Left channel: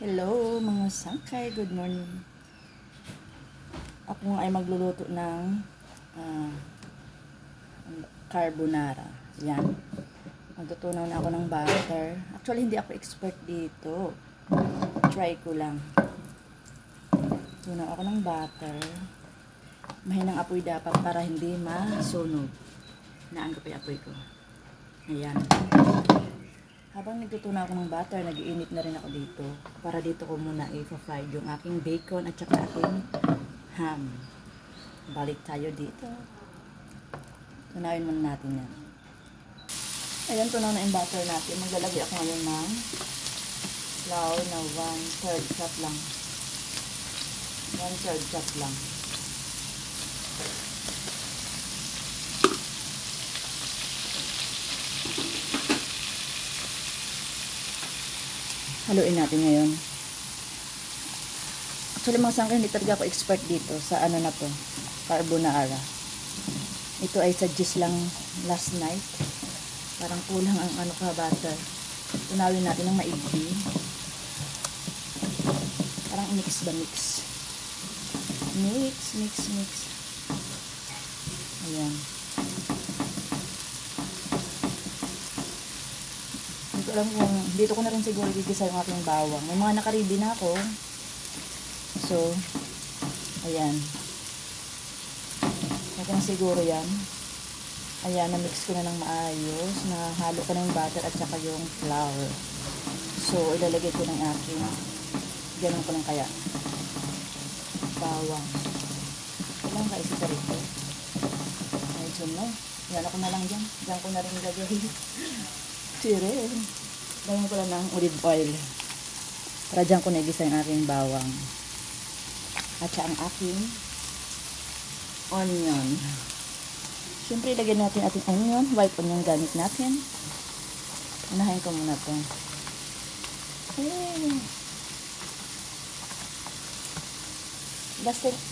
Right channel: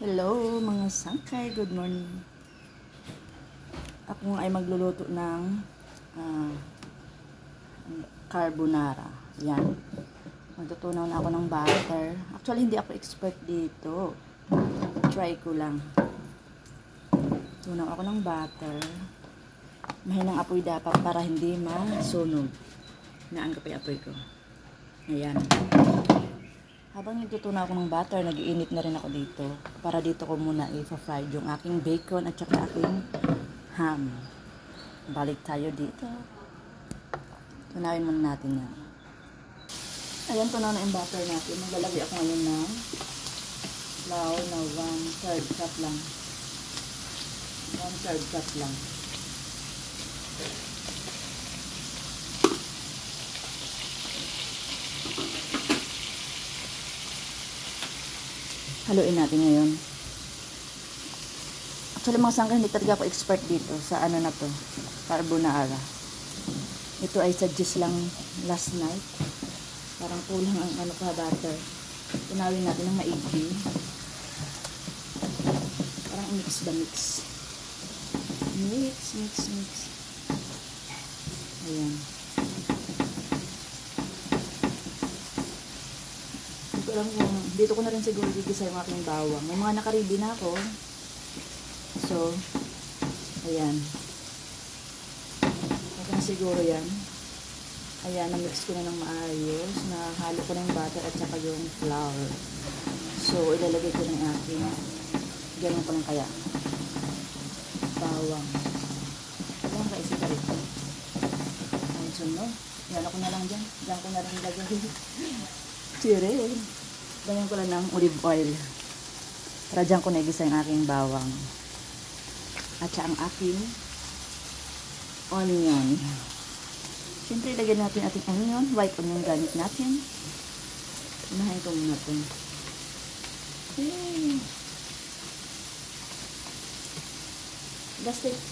Hello mga sangkay, good morning. Ako ay magluluto ng carbonara. Yan. Magtutunaw na ako ng butter. Actually, hindi ako expert dito. Try ko lang. Tunaw ako ng butter. Mahinang apoy dapat para hindi masunog. Naan ko pa yung apoy ko. Ayan. Habang nagtutunaw ako ng butter, nag-iinit na rin ako dito. Para dito ko muna i-fry yung aking bacon at saka aking ham. Balik tayo dito. Tunawin muna natin yan. Ayan, tunaw na yung butter natin. Maglalagay ako ngayon ng flour na 1/3 cup lang. 1/3 cup lang. Haluin natin ngayon. Actually mga sangkay, hindi talaga ako expert dito sa ano na to, carbonara. Ito ay suggest lang last night. Parang kulang ang ano ka butter. Tunawin natin ng maigi. Parang mix ba mix? Mix. Ayan. Alam kung dito ko na rin siguro gigisa yung aking bawang. May mga nakaready na ako. So, ayan. Ito na siguro yan. Ayan, na-mix ko na ng maayos. Nahalo ko na yung butter at saka yung flour. So, ilalagay ko ng aking ganun ko lang kaya. Bawang. Ilang ka isa rito. Medyo no. Yan ako na lang dyan. Diyan ko na rin lagay. Tire. Lagyan ko lang ng olive oil. Para dyan ko nagisa yung aking bawang. At saka ang aking onion. Siyempre, lagyan natin ating onion. White onion gamit natin. Unahin ko muna ito.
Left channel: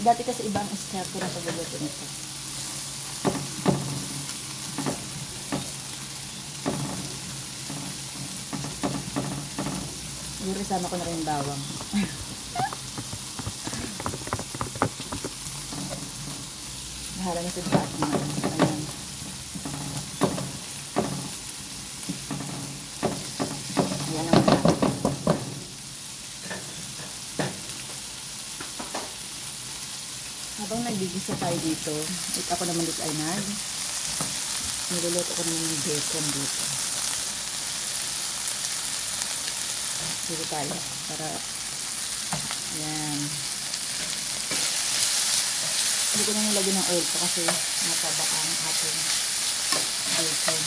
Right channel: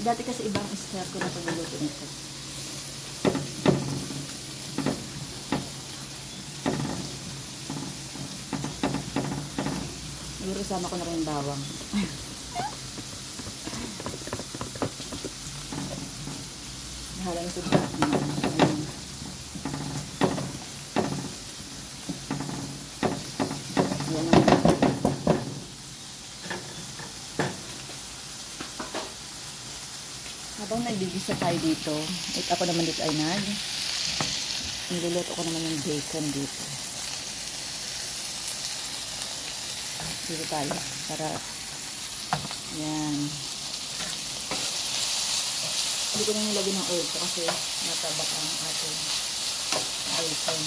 Dati kasi ibang step ko na pagluluto nito. Irisama ko na rin bawang. Bahala nito dyan. Ayan. Ayan naman na. Habang nagigisa tayo dito, at ako naman dito ay niluluto ko naman yung bacon dito. Dito tayo para yan. Hindi ko na nilagyan ng oil ko kasi natabaka ang ating bacon.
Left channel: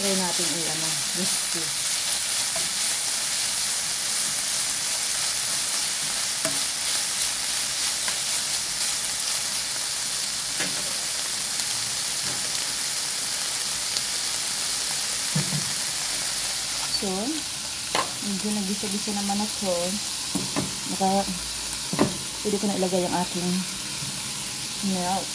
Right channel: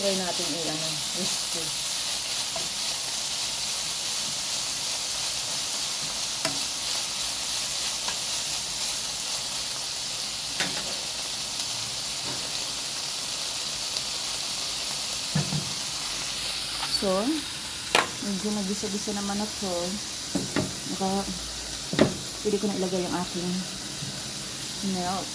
Try natin crispy. So, medyo nagisa-gisa naman na ito. Pwede ko na ilagay yung aking milk.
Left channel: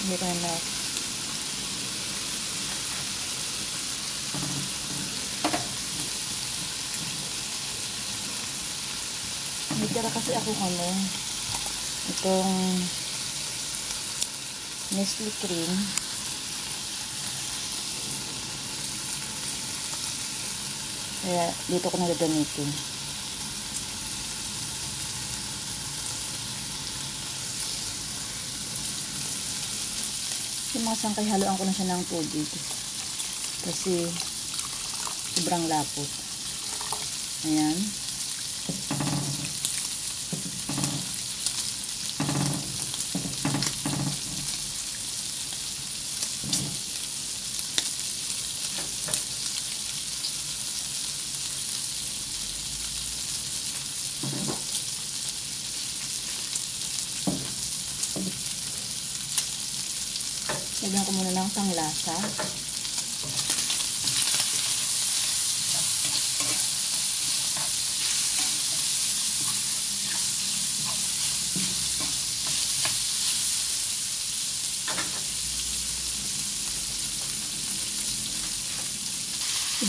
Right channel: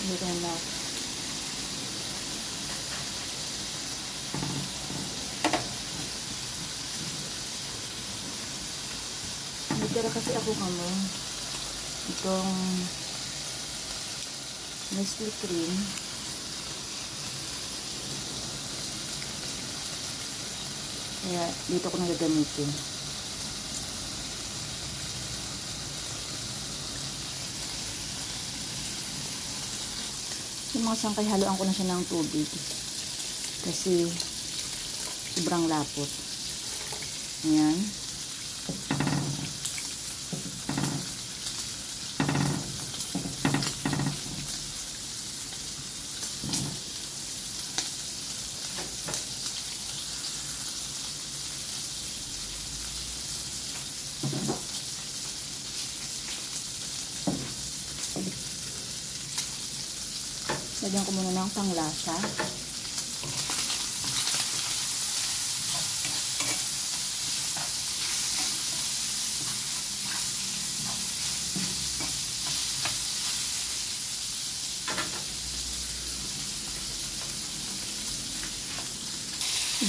Ilagay ko na milk. May tira kasi ako itong Nestle cream. Kaya dito ko na gagamitin. Yung mga sangkay, haluan ko na siya ng tubig. Kasi sobrang lapot. Ayan. Lagyan ko muna ng panglasa.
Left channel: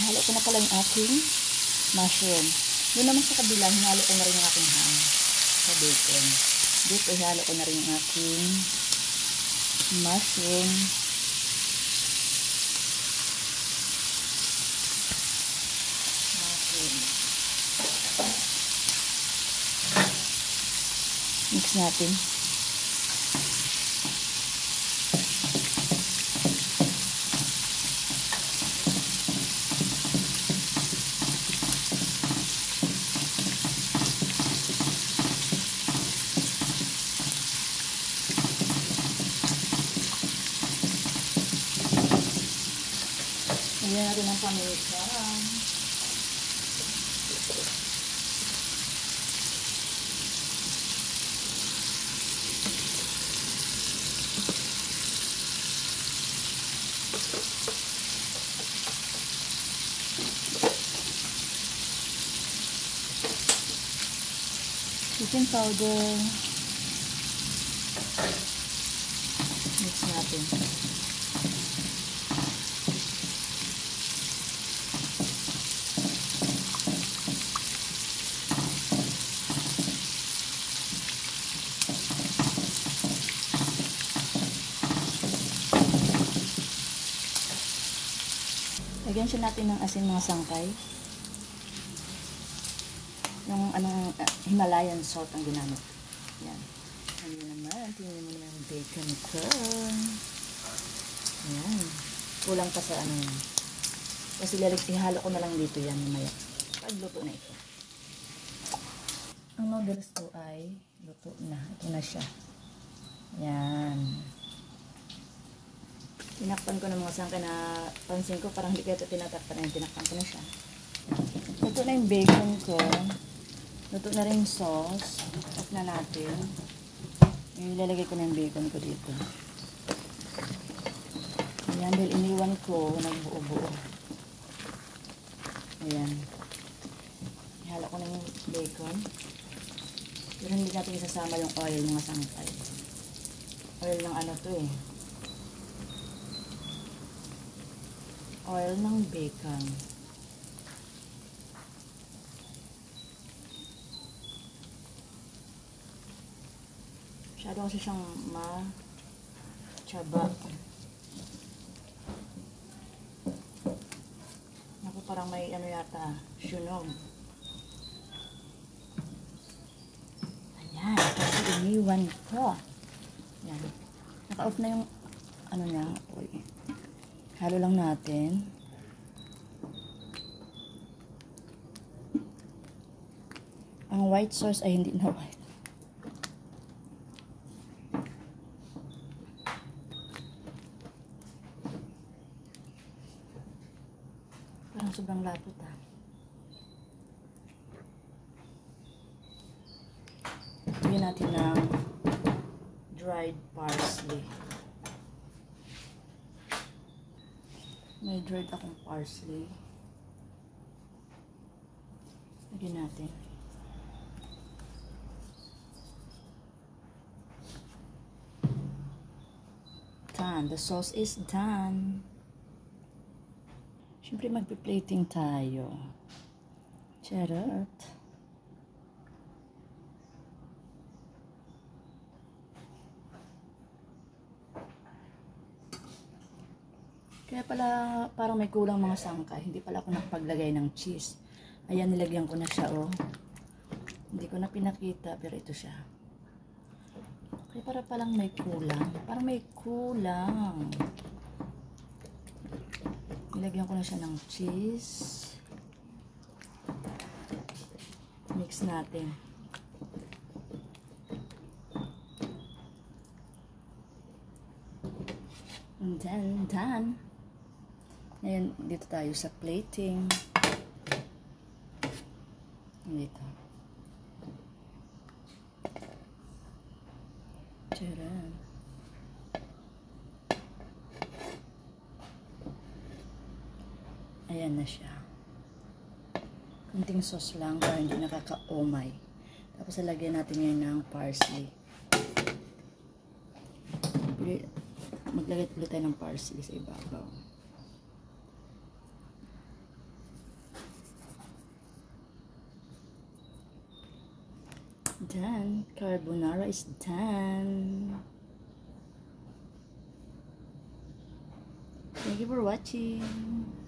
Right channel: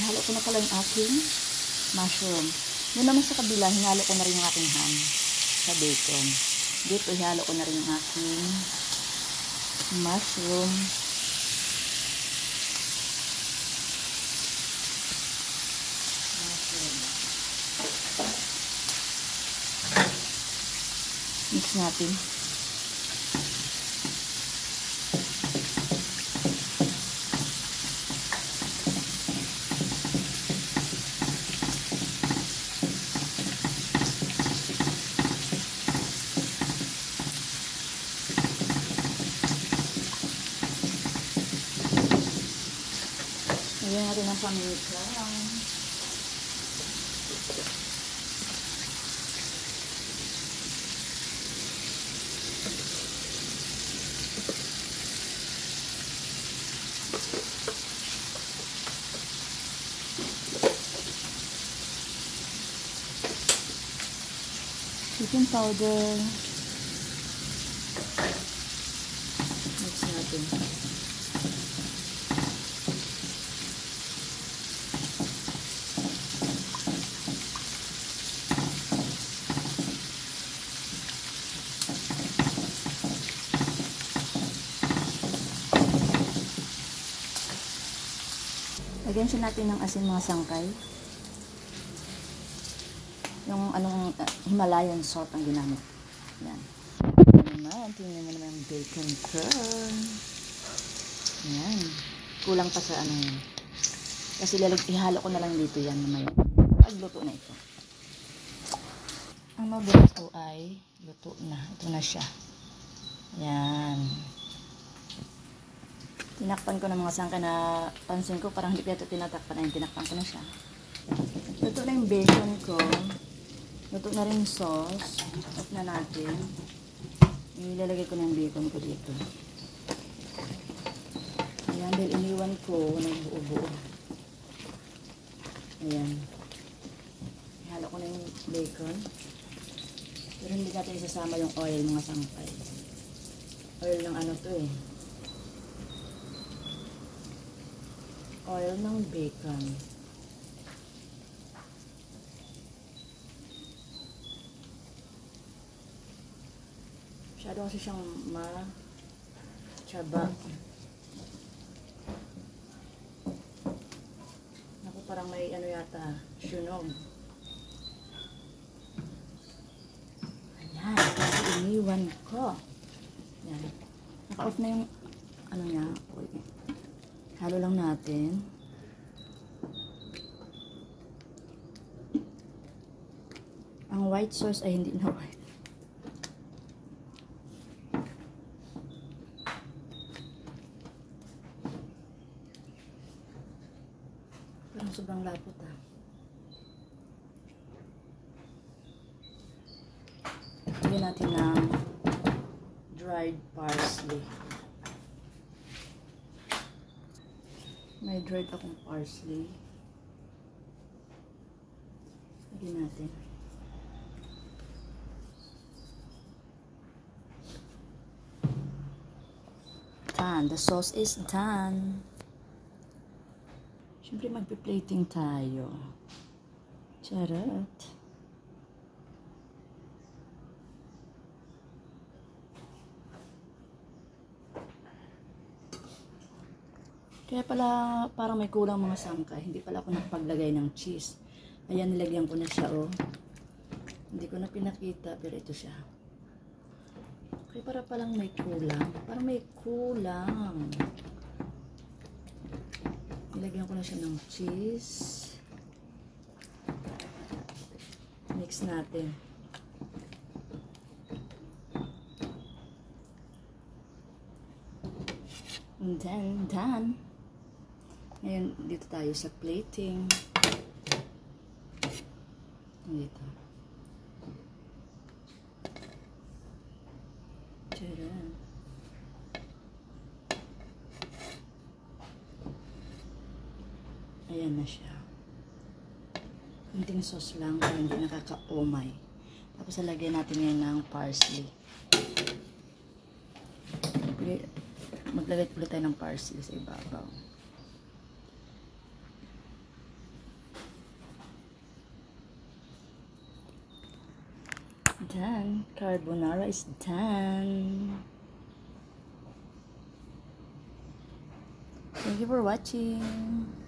Halo ko na pala yung aking mushroom. Doon naman sa kabila, hinalo ko na rin yung aking ham sa bacon. Dito, ihalo ko na rin yung aking mushroom. Mix natin. Lagyan natin ng paminta. Chicken powder. Mix natin. Lagyan siya natin ng asin, mga sangkay. Yung anong Himalayan salt ang ginamit. Yan. Tingnan mo naman yung bacon ko. Yan. Kulang pa sa ano yun. Kasi ihalo ko na lang dito yan mamaya. Pagluto na ito. Ang noodles ko ay luto na. Ito na siya. Yan. Tinakpan ko ng mga sangkay na pansin ko parang hindi ko ito tinatakpan na. Tinakpan ko na siya. Luto na yung bacon ko. Luto na rin yung sauce. Off na natin. Ilalagay ko na yung bacon ko dito. Ayan, dahil iniwan ko, nagbuo-buo. Ayan. Ihalo ko na yung bacon. Pero hindi natin isasama yung oil, mga sangkay. Oil ng ano to eh. Oil ng bacon. Masyado kasi siyang ma-tsaba. Ako parang may ano yata, sunog. Ayan, kasi iniwan ko. Ayan. Naka-off na yung ano niya. Halo lang natin. Ang white sauce ay hindi na white. Parang sobrang lapot ah. Lagyan natin ng dried parsley. May dried akong parsley. Lagyan natin. Done. The sauce is done. Siyempre magpi-plating tayo. Charot. Kaya pala parang may kulang mga sangkay. Hindi pala ako nagpaglagay ng cheese. Ayan, nilagyan ko na siya oh. Hindi ko na pinakita pero ito siya. Kaya para palang may kulang. Parang may kulang. Nilagyan ko na siya ng cheese. Mix natin. And then, done. Ngayon, dito tayo sa plating. Dito. Tcharam. Ayan na siya. Kunting sauce lang para hindi nakaka-omay. Tapos lalagyan natin ngayon ng parsley. Maglagay ulit tayo ng parsley sa ibabaw. done. Carbonara is done. Thank you for watching.